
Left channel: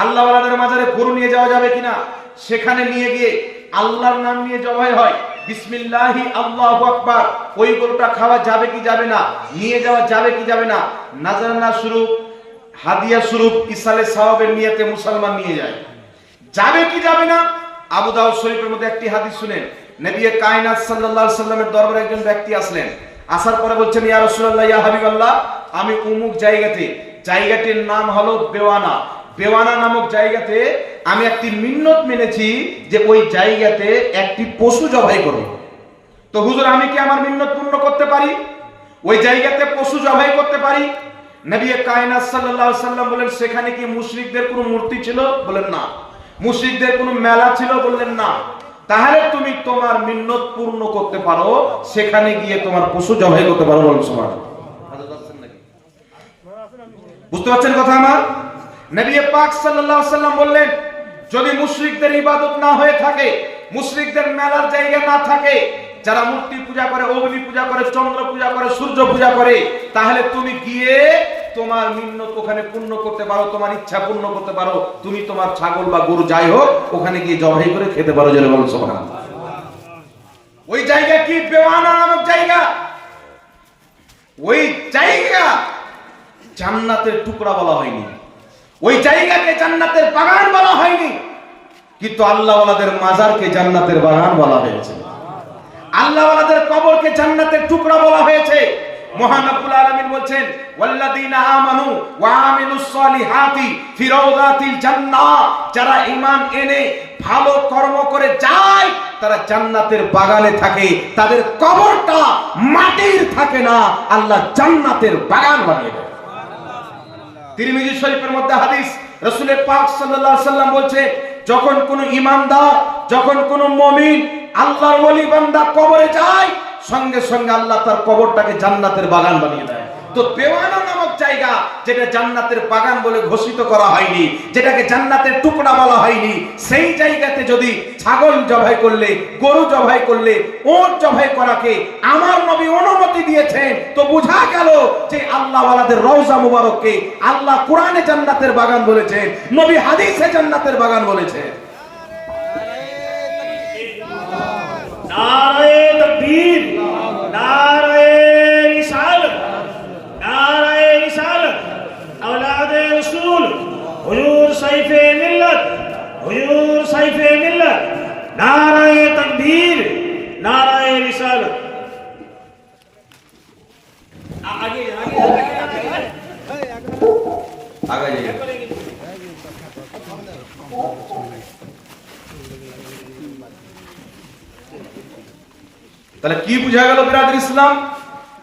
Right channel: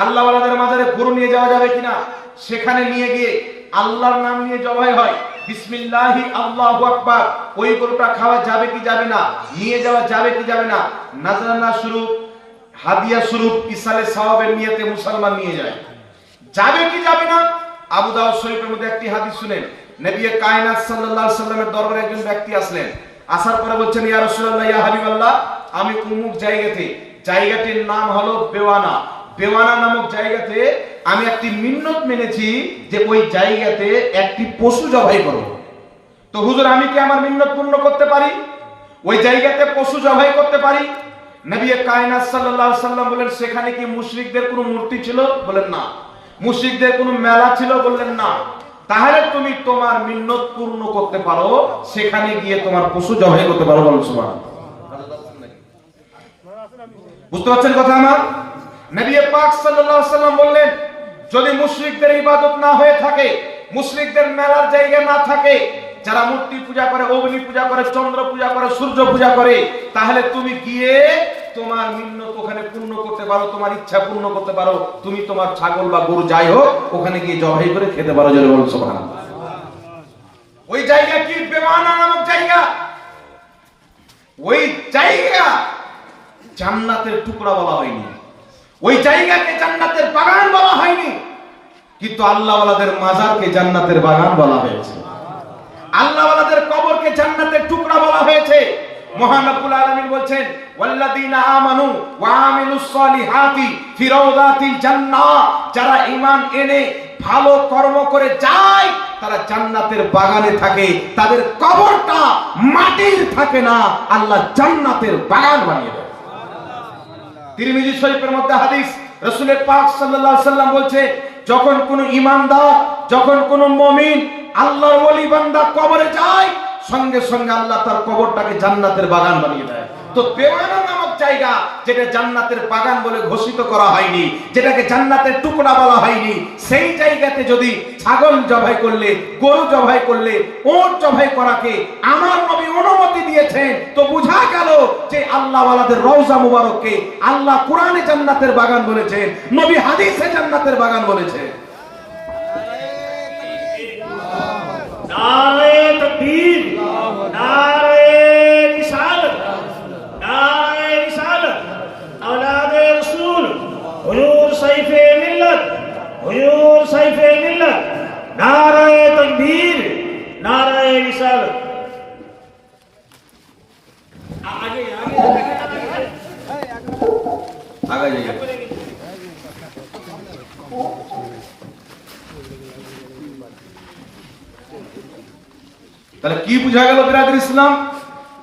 আল্লাহ ওয়ালাদের মাজারে গরু নিয়ে যাওয়া যাবে কিনা, সেখানে নিয়ে গিয়ে আল্লাহর নাম নিয়ে জবাই হয়, বিসমিল্লাহি আল্লাহু আকবার, ওই গরুটা খাওয়া যাবে কি যাবে না, নিয়ে যাওয়া যাবে কি যাবে না, নাজরানা স্বরূপ, হাদিয়া স্বরূপ, ইসালে সওয়াবের নিয়তে মুসলমান নিয়ে যায়, যাবে কি যাবে না? আবু দাউদ শরীফের মধ্যে একটি হাদিস শুনেন, নবী কায়নাত সাল্লাল্লাহু আলাইহি ওয়াসাল্লামের দরবারে একজন ব্যক্তি আসলেন, আসার পরে বলছেন ইয়া রাসূলুল্লাহ, ইয়া হাবিবাল্লাহ, আমি অমুক জায়গাতে, জায়গাটির নাম হলো বেওয়ানা, বেওয়ানা নামক জায়গাতে আমি একটি মিন্নত মেনেছি যে ওই জায়গাতে একটি পশু জবাই করব। তো হুজুর আমি কি আমার মিন্নত পূর্ণ করতে পারি? ওই জায়গাতে পশু জবাই করতে পারি? নবী কায়নাত সাল্লাল্লাহু আলাইহি ওয়াসাল্লাম বলেন সেখানে কি মুশরিকদের কোনো মূর্তি ছিল? বলেন না। মুশরিকদের কোনো মেলা ছিল? বললেন না। তাহলে তুমি তোমার মিন্নত পূর্ণ করতে পারো, সেখানে গিয়ে তোমার পশু জবাই করতে পারো। বলুন সুবহানাল্লাহ। বুঝতে পারছেন কথা আমার? নবী পাক সাল্লাল্লাহু আলাইহি ওয়াসাল্লাম বললেন যদি মুশরিকদের ইবাদত না হয়ে থাকে, মুশরিকদের মেলার জায়গা না থাকে, যারা মূর্তি পূজা করে, অগ্নি পূজা করে, চন্দ্র পূজা করে, সূর্য পূজা করে, তাহলে তুমি গিয়ে তোমার মিন্নত ওখানে পূর্ণ করতে পারো, তোমার ইচ্ছা পূর্ণ করতে পারো। তুমি তোমার ছাগল বা গরু যাই হোক ওখানে গিয়ে জবাই করে খেতে পারো। জোরে বলুন সুবহানাল্লাহ। ওই জায়গা কি? বেওয়ানা নামক জায়গা। ওই জায়গা জান্নাতের টুকরা বলা হয়নি, ওই জায়গাকে জান্নাতের বাগান বলা হয়নি, কিন্তু আল্লাহ ওয়ালাদের মাজারকে জান্নাতের বাগান বলা হয়েছে, আল্লাহ ওয়ালাদের কবরকে জান্নাতের টুকরা বলা হয়েছে। মহান রব্বুল আলামিন বলছেন ওয়াল্লাযীনা আমানু ওয়া আমিলুস সলিহাতি ফি রাওদাতিল জান্নাহ, যারা ঈমান এনে ভালো কর্ম করে যায় তারা জান্নাতের বাগানে থাকে, তাদের কবরটা মাটির থাকে না, আল্লাহ জান্নাতের বাগান বানিয়ে দেয়। তিরমিজি শরীফের মধ্যে হাদিস, রাসূল পাক সাল্লাল্লাহু আলাইহি ওয়াসাল্লাম বলছে যখন কোন ঈমানদার, যখন কোন মুমিন আল্লাহর ওলি বান্দা কবরে যায়, সঙ্গে সঙ্গে আল্লাহ তার কবরটাকে জান্নাতের বাগান বানিয়ে দেয়। তো বেওয়ানা নামক জায়গা, যেটা জান্নাতের বাগান বলে ঘোষিত করা হয়নি, যেটাকে জান্নাতের টুকরা বলা হয়নি, সেই জায়গাতে যদি ছাগল জবাই করলে, গরু জবাই করলে, ওট জবাই করাকে আমার নবী অনুমতি দিয়েছেন, তো বোঝা গেল যে আল্লাহ ওয়ালাদের রওজা মুবারককে আল্লাহ কোরআনে জান্নাতের বাগান বলেছেন, নবী হাদিসে জান্নাতের বাগান বলেছেন। নারায়ে তাকবীর, নারায়ে রিসালাত, নারায়ে রিসালাত, আওলাদে রাসূল, হুজুর সাইফে মিল্লাত, হুজুর সাইফে মিল্লাত, নারায়ে তাকবীর, নারায়ে রিসালাত। আগে তাহলে কি বোঝা গেল বিরাদর ইসলাম?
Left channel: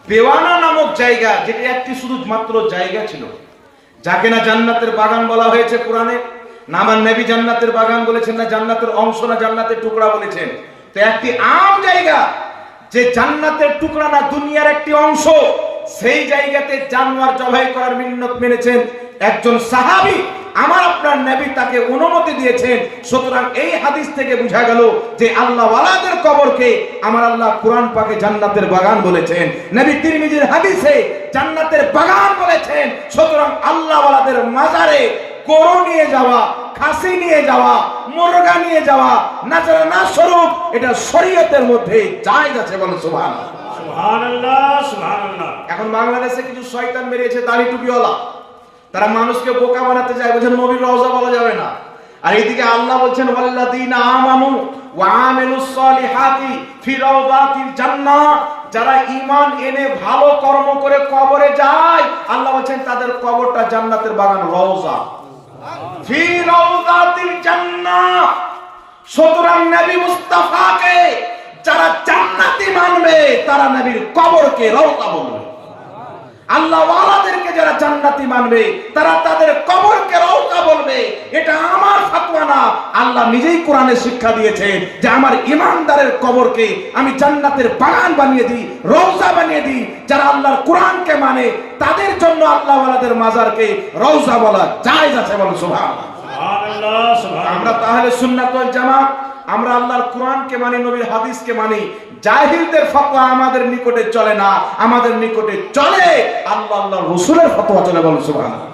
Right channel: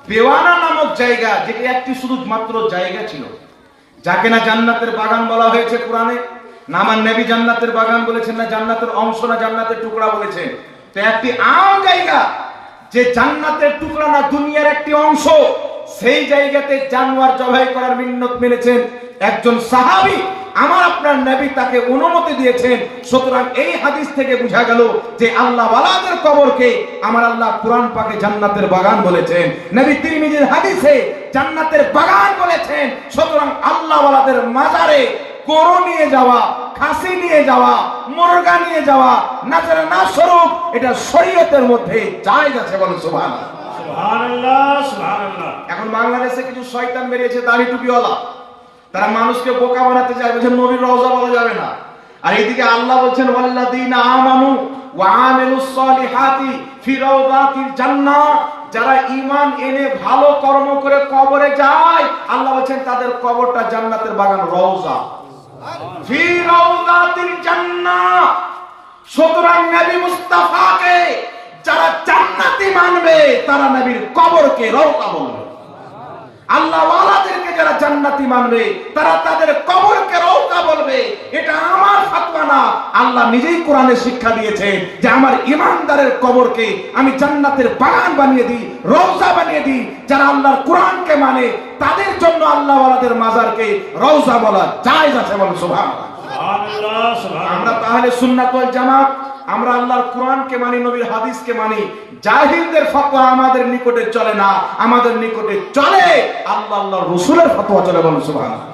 বেওয়ানা নামক জায়গা, যেটা একটি শুধু মাত্র জায়গা ছিল, যাকে না জান্নাতের বাগান বলা হয়েছে কোরআনে, না আমার নবী জান্নাতের বাগান বলেছেন, না জান্নাতের অংশ, না জান্নাতের টুকরা বলেছেন। তো একটি আম জায়গা, যে জান্নাতের টুকরা না দুনিয়ার একটি অংশ, সেই জায়গাতে জানোয়ার জবাই করার মিন্নত মেনেছেন একজন সাহাবী, আমার আপনার নবী তাকে অনুমতি দিয়েছেন। সুতরাং এই হাদিস থেকে বোঝা গেল যে আল্লাহ ওয়ালাদের কবরকে আমার আল্লাহ কোরআন পাকে জান্নাতের বাগান বলেছেন, নবী তিরমিজির হাদিসে জান্নাতের বাগান বলেছেন। সুতরাং আল্লাহ ওয়ালাদের মাজারে গরু নিয়ে যাওয়া, খাসি নিয়ে যাওয়া, মুরগা নিয়ে যাওয়া নাজারা না স্বরূপ, এটা শরীয়তের মধ্যে জায়েজ আছে। বলেন সুবহানাল্লাহ। সুবহানাল্লাহ, সুবহানাল্লাহ। এখন বাংলাদেশে কিছু শয়তান বেরিয়েছে দাড়ি টুপিওয়ালা, তারা মানুষকে বোকা বানাতে চায়, বলছেন নবীর রওজা বলা যাবে না। আর এইদিকে আল্লাহ বলছেন ওয়াল্লাযীনা আমানু ওয়া আমিলুস সলিহাতি ফি রাওদাতিল জান্নাহ, যারা ঈমান এনে ভালো কর্ম করে কবরে যায়, আল্লাহ বলছেন তাদের কবরটা জান্নাতের বাগান, রওজা ফি রাওদাতিল জান্নাহ। সুতরাং নবী মুস্তাফাকে যারা জান্নাতি মানবে, তারা নবীর কবরকে রওজা বলবে। আল্লাহ ওয়ালাদেরকে যারা জান্নাতি মানবে, তারা তাদের কবরকে রওজা বলবে। এটা আমার ফতোয়া না, আল্লাহ নিজেই কোরআনে শিক্ষা দিয়েছে যে আমার ঈমানদারের কবরকে আমি জান্নাতের বাগান বানিয়ে দিই, রওজা বানিয়ে দিই। যারা আল্লাহর কোরআনকে মানে, তাদের জন্য আল্লাহ ওয়ালাদের মাজারকে রওজা বলা জায়েজ আছে। বলেন সুবহানাল্লাহ। সুবহানাল্লাহ, সুবহানাল্লাহ। আমরা তাহলে সুন্নাত ওয়াল জামাত, আমরা আল্লাহর কোরআনকে মানি, নবীর হাদিসকে মানি। জাহিলদের ফতোয়া আমাদের নিকটে চলে না, আমাদের নিকটে চলে আল্লাহ আল্লাহর রাসূলের ফতোয়া চলে। বলেন সুবহানাল্লাহ।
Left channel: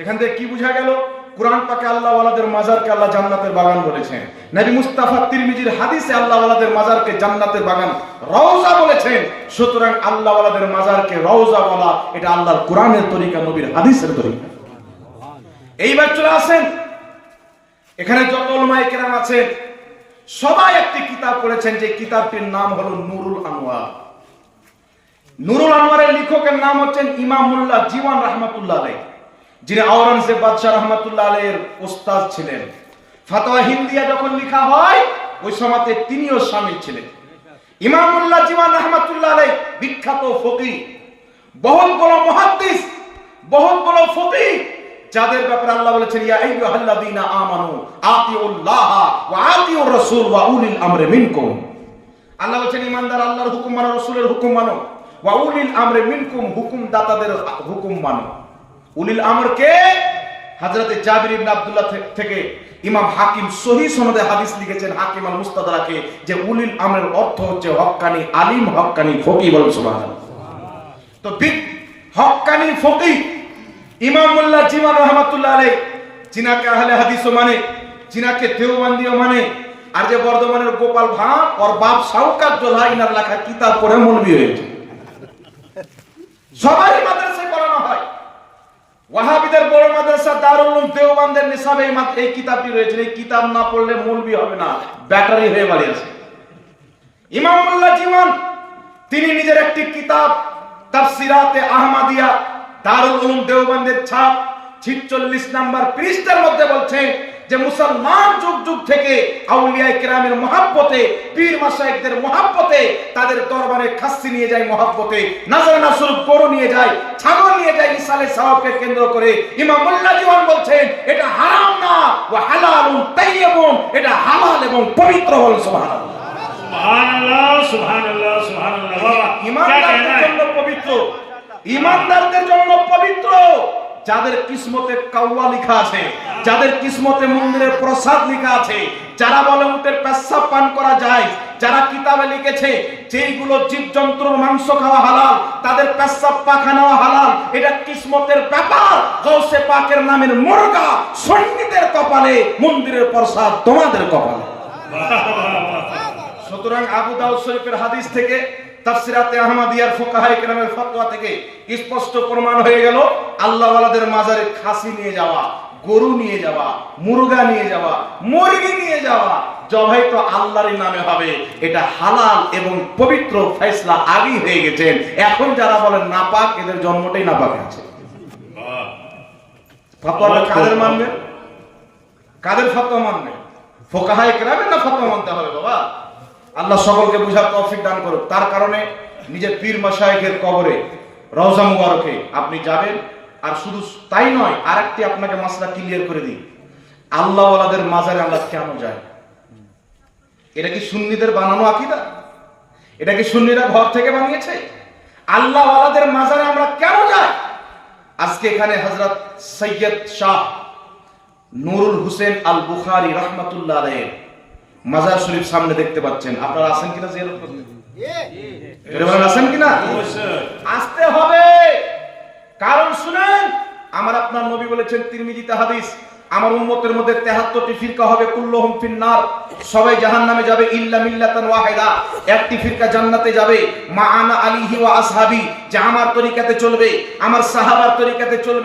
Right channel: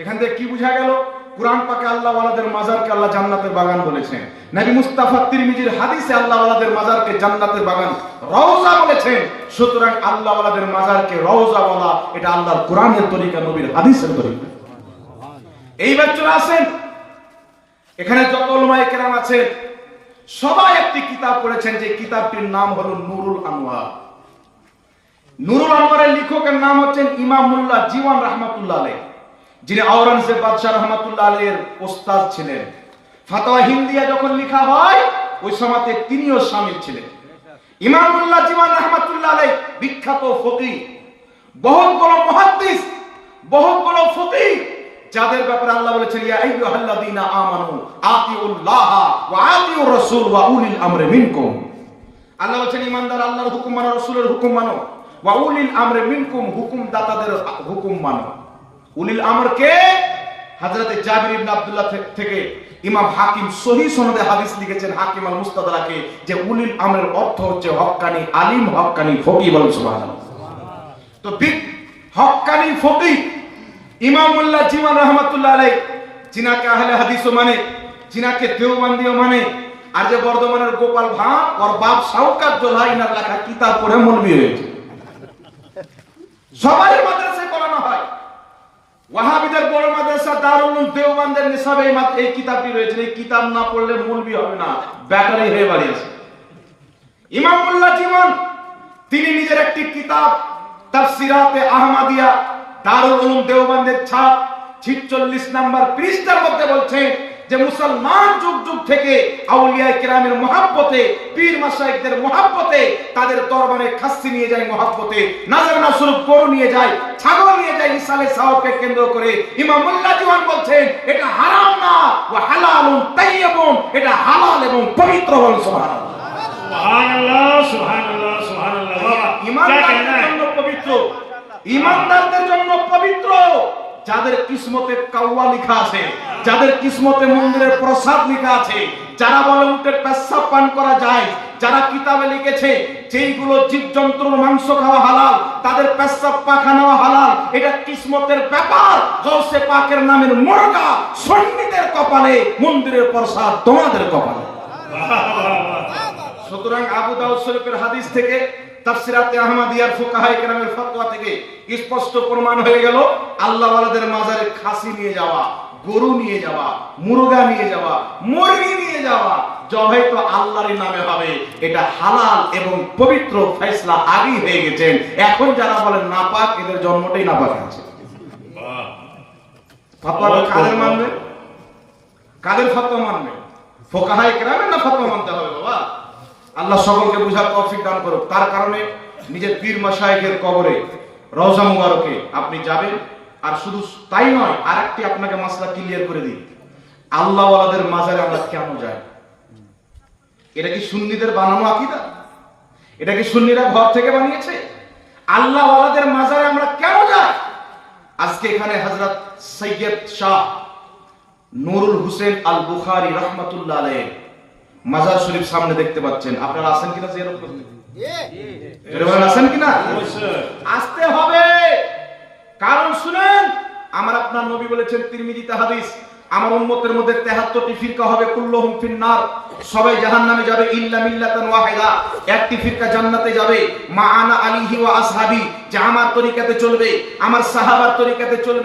এখান থেকে কি বোঝা গেল? কোরআন পাকে আল্লাহ ওয়ালাদের মাজারকে আল্লাহ জান্নাতের বাগান বলেছেন, নবী মুস্তাফা তিরমিজির হাদিসে আল্লাহ ওয়ালাদের মাজারকে জান্নাতের বাগান, রওজা বলেছেন। সুতরাং আল্লাহ ওয়ালাদের মাজারকে রওজা বলা, এটা আল্লাহর কোরআনের তরিকা, নবীর হাদিসের তরিকা। এইবার চলে আসেন, এখানে যত উলামায়ে কেরাম আছেন সবাই একটি কিতাব পড়েছেন, যে কিতাবটির নাম হলো নুরুল আনওয়ার। নুরুল আনওয়ারের লেখকের নাম হচ্ছেন ইমাম মোল্লা জীবন রাহমাতুল্লাহ আলাইহি, যিনি আওরঙ্গজেব বাদশাহ রাহমাতুল্লাহ আলাইহির ওস্তাদ ছিলেন। ফাতোয়া হিন্দিয়া যখন লেখা হয়, ওই সময়তে তিনিও শামিল ছিলেন। ইমাম মোল্লা জীবন রাহমাতুল্লাহ আলাইহি বিখ্যাত ফকিহ, বহুত বড় মুহাদ্দিস, বহুত বড় ফকিহ, যাদের ব্যাপারে আল্লাহ বলেছেন ইয়া আইয়ুহাল্লাযীনা আমানু আতিউল্লাহ ওয়া আতিউর রাসূল ওয়া উলিল আমরি মিনকুম। আল্লাহ বলেছেন ঈমানদার আল্লাহর হুকুম মানো, রাসূলের হুকুম মানো, ওয়া উলিল আমরি মিনকুম, হুকুম দাতাদের হুকুম মানো। উলিল আমর কে? হযরত জাবির ইবনে আব্দুল্লাহ থেকে ইমাম হাকিম সহিহ সনদে হাদিস লিখেছেন, হাকিম আল মুস্তাদরাকে, যে উলিল আমরের অর্থ হচ্ছে হক্কানি আলিম, হক্কানি ফকিহ। বলেন সুবহানাল্লাহ। তো হক্কানি ফকিহ ইমাম মোল্লা জীবন রাহমাতুল্লাহ আলাইহি, জিনাকে আহলে হাদিসও মানে, জিনাকে দেওবন্দিও মানে। আর যে বর্ধমানের গোপাল ভাঁড়, ওর বাপ শাওকাত জোলাইনার লেখা কিতাব পড়ে মৌলবি হয়েছে। সবারই মাদ্রাসায় পড়ানো হয়। ওয়াহাবিদের বড় মাদ্রাসা দারুল উলুম দেওবন্দের নিসাবে এই কিতাবটি রয়েছে। এই কিতাব না পড়লে মৌলবি হবে না, ব্যাটারি হয়ে বাড়ি আছে। ইমাম মোল্লা জীবন তিনি নিজের একটি কিতাব তাফসিরাতে আহমদিয়া দারুল উলুম দেওবন্দের ছাপ 46 নম্বর পৃষ্ঠার মধ্যে বলছে যে মুসলমান যুগ যুগ থেকে আউলিয়া কিরামের মহব্বতে, পীর মাশায়েখদের মহব্বতে, তাদের দরবারে খাসি নিয়ে যায় মহব্বতে, নাজারানা স্বরূপ গরু নিয়ে যায়, ছাগল নিয়ে যায় ইসালে সাওয়াবকে কেন্দ্র করে। ইমাম মোল্লা দিওয়ান বলছেন এটা হারাম না, ওয়া হালালুন তাইয়্যিবুন, এটা হালাল এবং পবিত্র। বল সুবহানাল্লাহ। सुभान अल्लाह बाबा क्या कहना ইমানদারদের है জন্য পবিত্র, ইমানদারদের জন্য পবিত্র। যাদের কিসমতে কাওয়া লেখা আছে, যাদের কিসমতে মন্দিরের প্রসাদ লেখা আছে, যারা বলে উটের পেশাব পান করা যায়, যারা কিতাবে লিখেছে যেইগুলো জীবজন্তুর মাংস খাওয়া হালাল, তাদের পেশাব পায়খানা হালাল, এটা কিসমতের ব্যাপার। গৌসে পাকের নামের মুরগা সন্ন্যীদের কপালে, মন্দিরের প্রসাদ তোমাদের কপালে। সুতরাং আবু দাউদ শরীফের হাদিস থেকে, তাফসিরাতে আহমদিয়ার ফুকাহায়ে কেরামের ফতোয়া থেকে স্পষ্ট প্রমাণ হয়ে গেল আল্লাহ ওয়ালাদের মাজারে খাসি নিয়ে যাওয়া, গরু নিয়ে যাওয়া, মুরগা নিয়ে যাওয়া, মুরগি নিয়ে যাওয়া জবাই তো আল্লাহরই নামে হবে, এটা হালাল এবং পবিত্র ফয়সালা আগেই হয়ে গেছেন। এখন যারা বলেন নাপাক, এদের জন্মটাই নাপাক আছে। ফতোয়া কাদের মানবে? কাদের ফতোয়া মানবে? ফুকাহায়ে কেরামের না ফতোয়া মানতে হবে বাবা? আল্লাহ সকলকে বুঝার তৌফিক দান করুক। তার কারণে নিজের পীর মাশায়েখের কবরে, রওজা মুবারকে আপনি যাবেন। আর শুধু তাই নয়, আরেকটি আপনাকে মাসলা ক্লিয়ার করে দিই, আল্লাহ ওয়ালাদের মাজারে আমরা কেন যাই? এটা কি সুন্নিদের বানানো আকীদা? এটা কি সুন্নিরা ঘর থেকে বানিয়েছে? আল্লাহ ওয়ালাদের মাজারে আমরা কেন যাই? আজকে এখানে হযরত সৈয়দ শাহ নুরুল হোসেন আল বুখারী রাহমাতুল্লাহ আলাইহি মাজার শরীফ সামনে দেখতে পাচ্ছেন। আপনারা আছেন কিনা জিয়ারত করতে? আছেন কিনা? আসতে হবে। কারণ শুনেন, আমার আপনার নবী বলেছেন তিরমিজিতে হাদিস, আমার উম্মতের মধ্যে 73টি ফিরকা হবে, কুল্লুহুম ফিন্নার, সবাই জাহান্নামে যাবে ইল্লা মিল্লাতান ওয়াহিদা, একটি ফিরকা জান্নাতে যাবে, মা আনা আলিহি ওয়া আসহাবি, যে আমার তরিকাতে চলবে, আমার সাহাবার তরিকাতে চলবে।